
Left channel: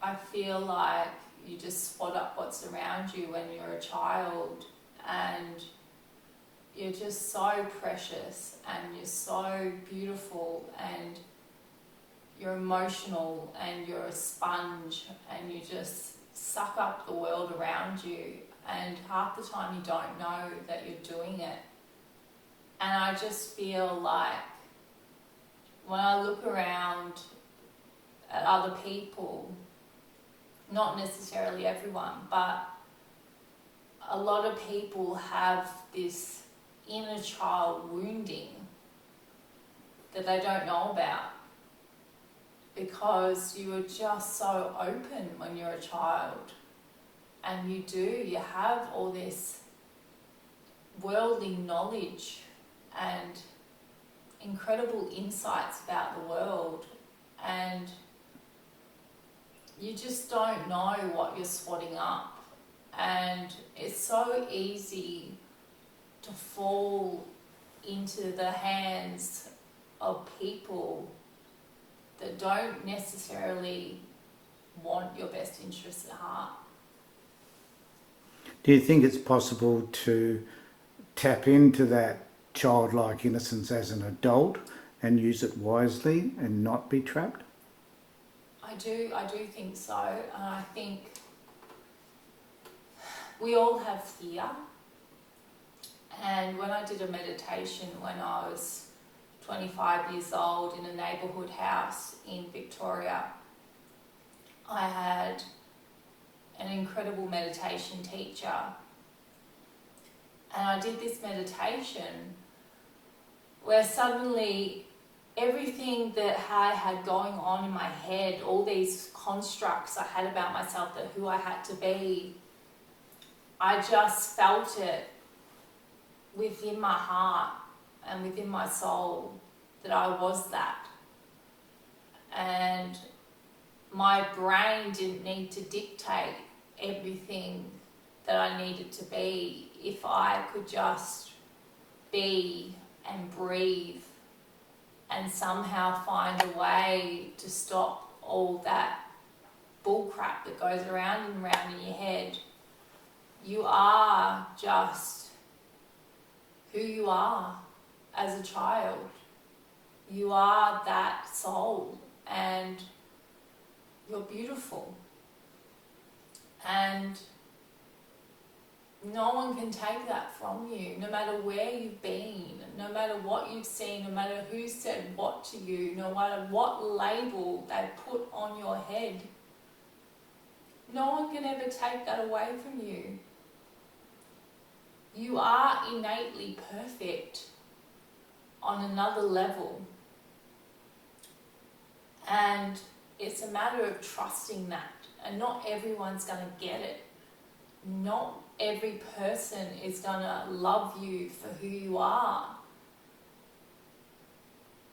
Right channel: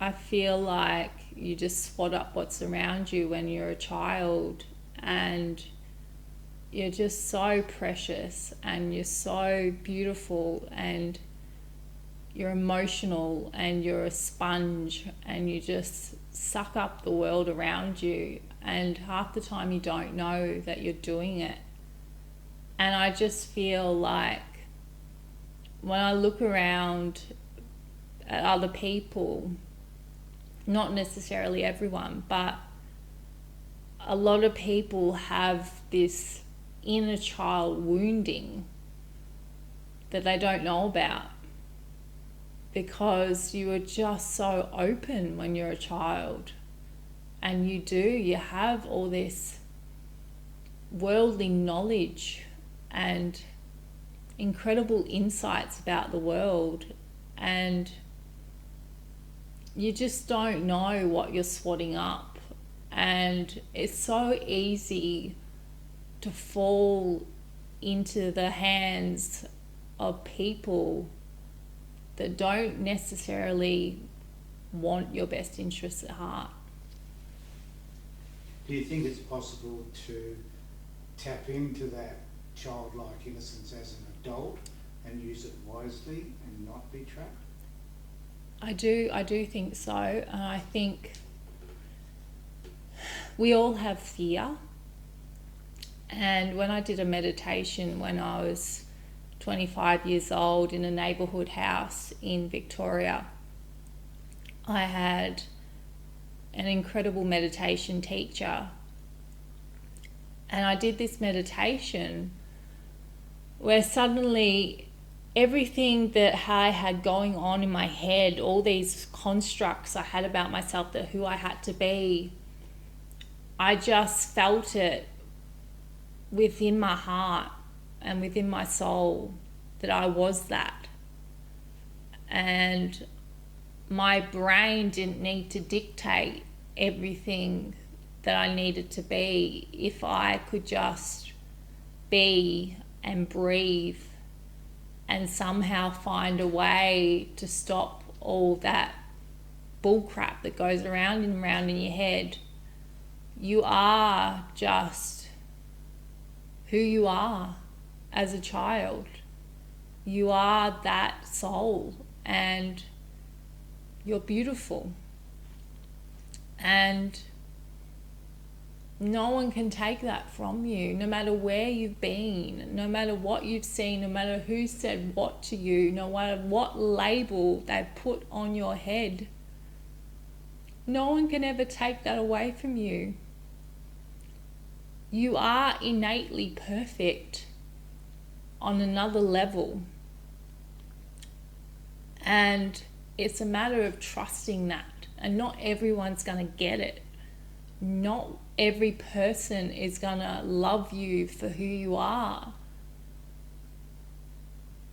I feel like you just swat up what's around you when you're a child, and you're just so precious and you're so beautiful and you're emotional and you're a sponge and you just suck up the world around you, and half the time you don't know that you're doing it. And I just feel like when I look around at other people, not necessarily everyone, but a lot of people have this inner child wounding that they don't know about, because you are just so open when you're a child, and you have all this worldly knowledge and incredible insights about the world, and you just don't know what you're swatting up. And it's so easy to fall into the hands of people that don't necessarily want your best interests at heart. Do you think it's possible to tap into that childlike innocence as an adult and use it wisely and not be trapped? I do think so. And I think we all have fear. And when I did a meditation when I was 25 years old in a neighbourhood house in Victoria, I had an incredible meditation teacher. And I did this meditation where suddenly everything that I had going on in my head, all these constructs I had about myself, that who I had to be, I just felt it within my heart and within my soul that I was that. And my brain didn't need to dictate everything that I needed to be if I could just be and breathe and somehow find a way to stop all that bullcrap that goes around and around in your head. You are just who you are as a child. You are that soul and you're beautiful. And no one can take that from you, no matter where you've been, no matter what you've seen, no matter who said what to you, no matter what label they put on your head. No one can ever take that away from you. You are innately perfect on another level. And it's a matter of trusting that. And not everyone's going to get it. Not every person is going to love you for who you are.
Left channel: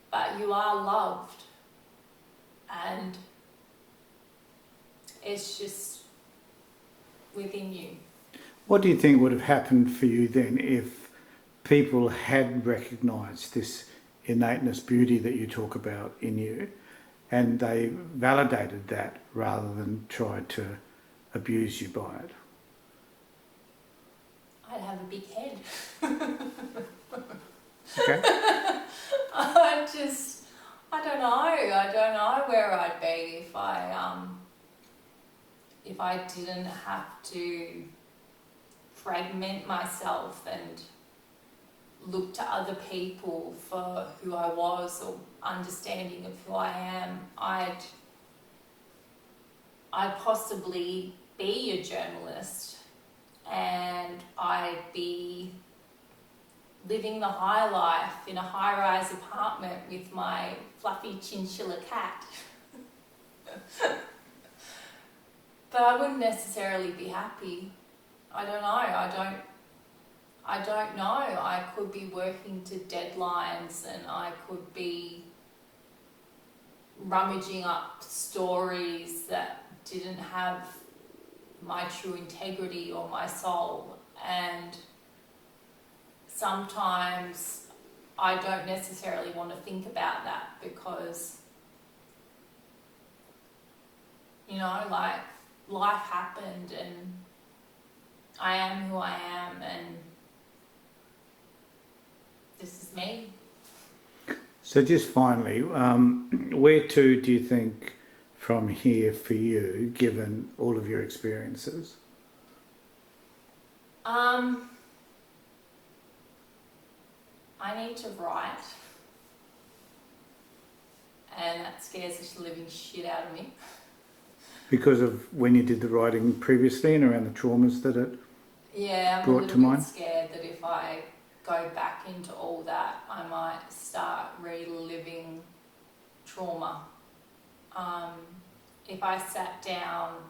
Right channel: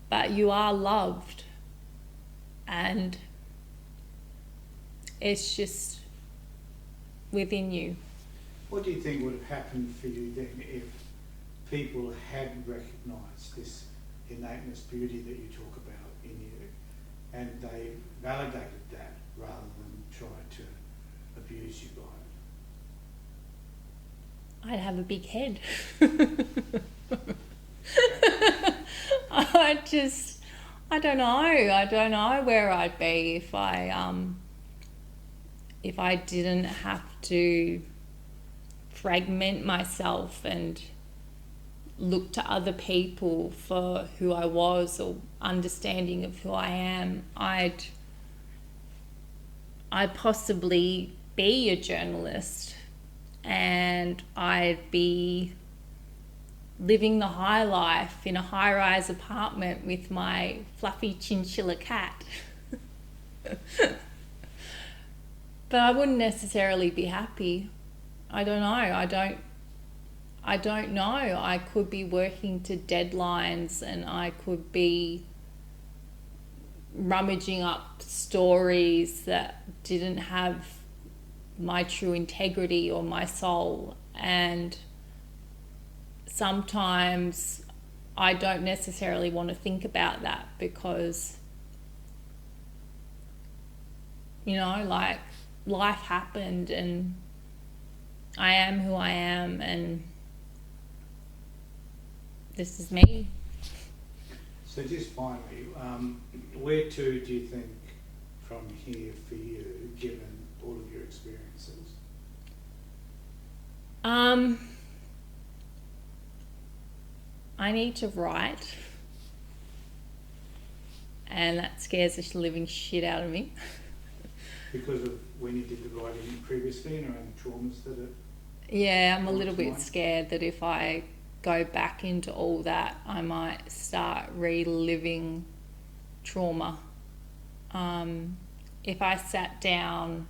But you are loved. And it's just within you. What do you think would have happened for you then if people had recognised this innateness, beauty that you talk about in you, and they validated that rather than tried to abuse you by it? I'd have a big head. Okay. I don't know. I don't know where I'd be if I didn't have to fragment myself and look to other people for who I was or understanding of who I am. I'd possibly be a journalist and I'd be living the high life in a high-rise apartment with my fluffy chinchilla cat. But I wouldn't necessarily be happy. I don't know. I don't know. I could be working to deadlines and I could be rummaging up stories that didn't have my true integrity or my soul. And sometimes I don't necessarily want to think about that because, like, life happened and I am who I am and this is me. So just finally, where to do you think from here for you, given all of your experiences? I need to write, and that scares the living shit out of me. Because of when you did the writing previously and around the traumas that it Yeah, I'm a brought little to bit mind? scared that if I go back into all that, I might start reliving trauma. If I sat down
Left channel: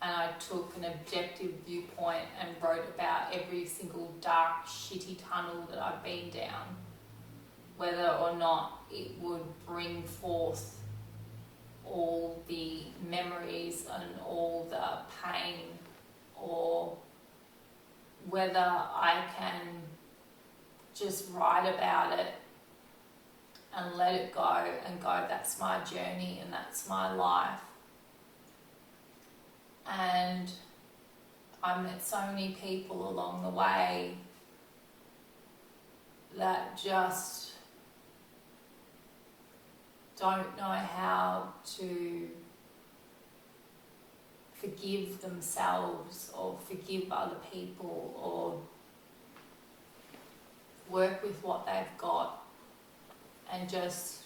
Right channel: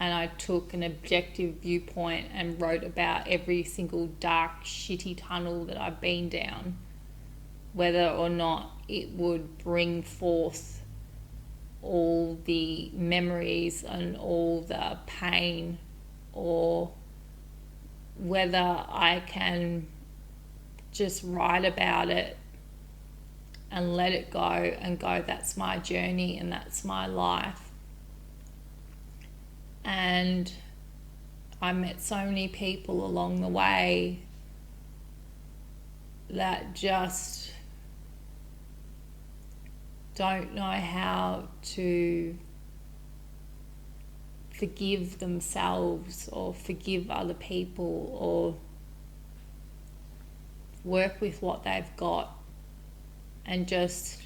and I took an objective viewpoint and wrote about every single dark, shitty tunnel that I've been down, whether or not it would bring forth all the memories and all the pain, or whether I can just write about it and let it go and go, that's my journey and that's my life. And I met so many people along the way that just don't know how to forgive themselves or forgive other people or work with what they've got and just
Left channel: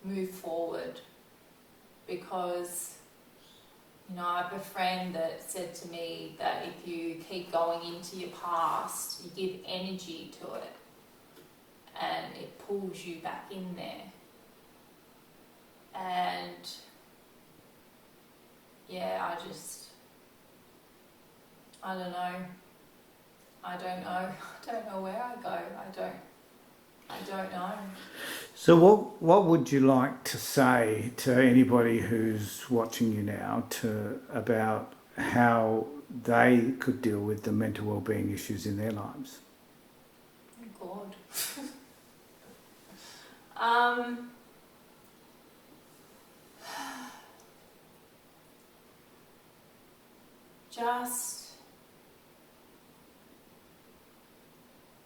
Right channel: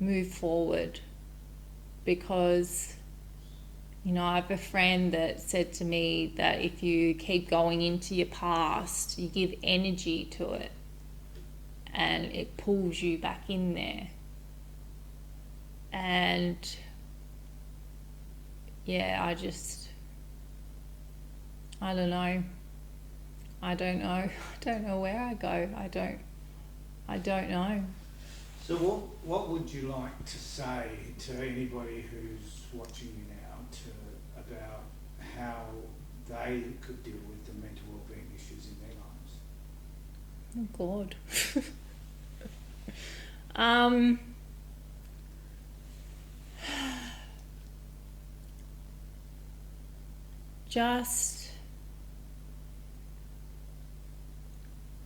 move forward. Because, you know, I have a friend that said to me that if you keep going into your past, you give energy to it and it pulls you back in there. And yeah, I don't know. I don't know where I go. I don't know. So what would you like to say to anybody who's watching you now about how they could deal with the mental well-being issues in their lives? Oh God. Just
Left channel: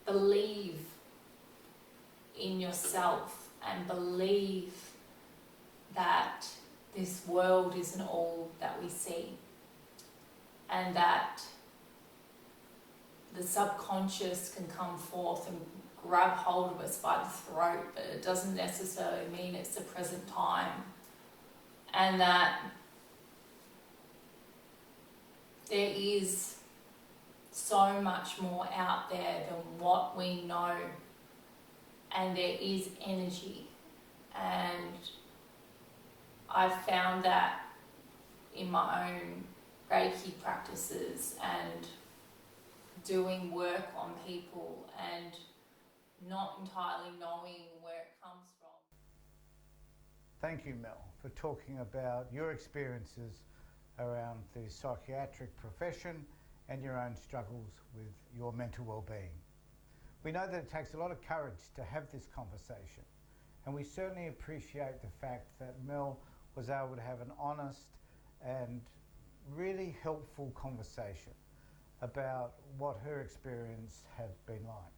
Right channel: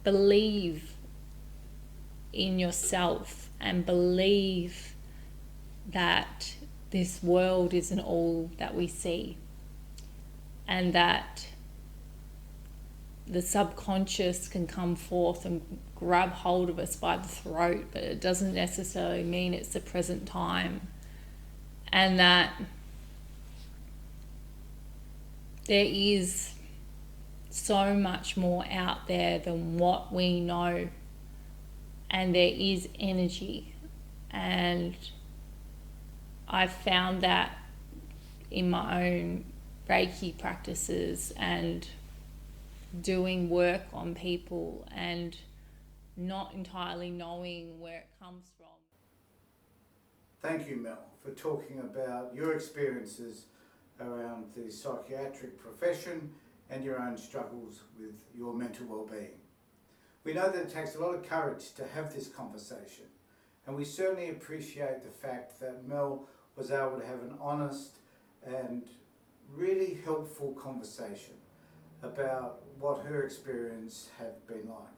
believe in yourself and believe that this world isn't all that we see, and that the subconscious can come forth and grab hold of us by the throat, but it doesn't necessarily mean it's the present time, and that there is so much more out there than what we know, and there is energy. And I've found that in my own Reiki practices and doing work on people and not entirely knowing where it comes from. Thank you, Mel, for talking about your experiences around the psychiatric profession and your own struggles with your mental well-being. We know that it takes a lot of courage to have this conversation, and we certainly appreciate the fact that Mel was able to have an honest and really helpful conversation about what her experience had been like.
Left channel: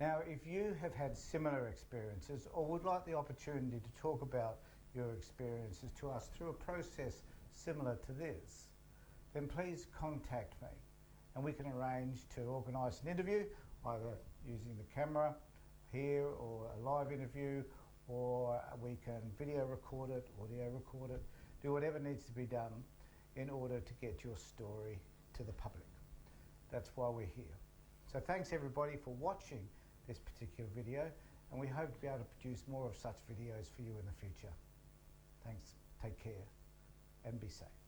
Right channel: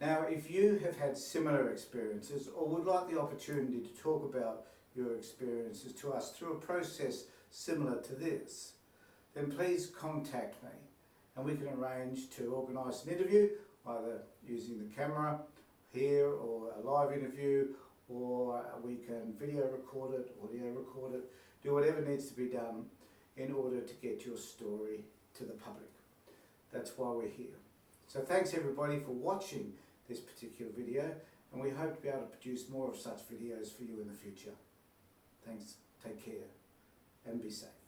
Now, if you have had similar experiences or would like the opportunity to talk about your experiences to us through a process similar to this, then please contact me and we can arrange to organise an interview, either using the camera here or a live interview, or we can video record it, audio record it, do whatever needs to be done in order to get your story to the public. That's why we're here. So thanks everybody for watching this particular video, and we hope to be able to produce more of such videos for you in the future. Thanks, take care and be safe.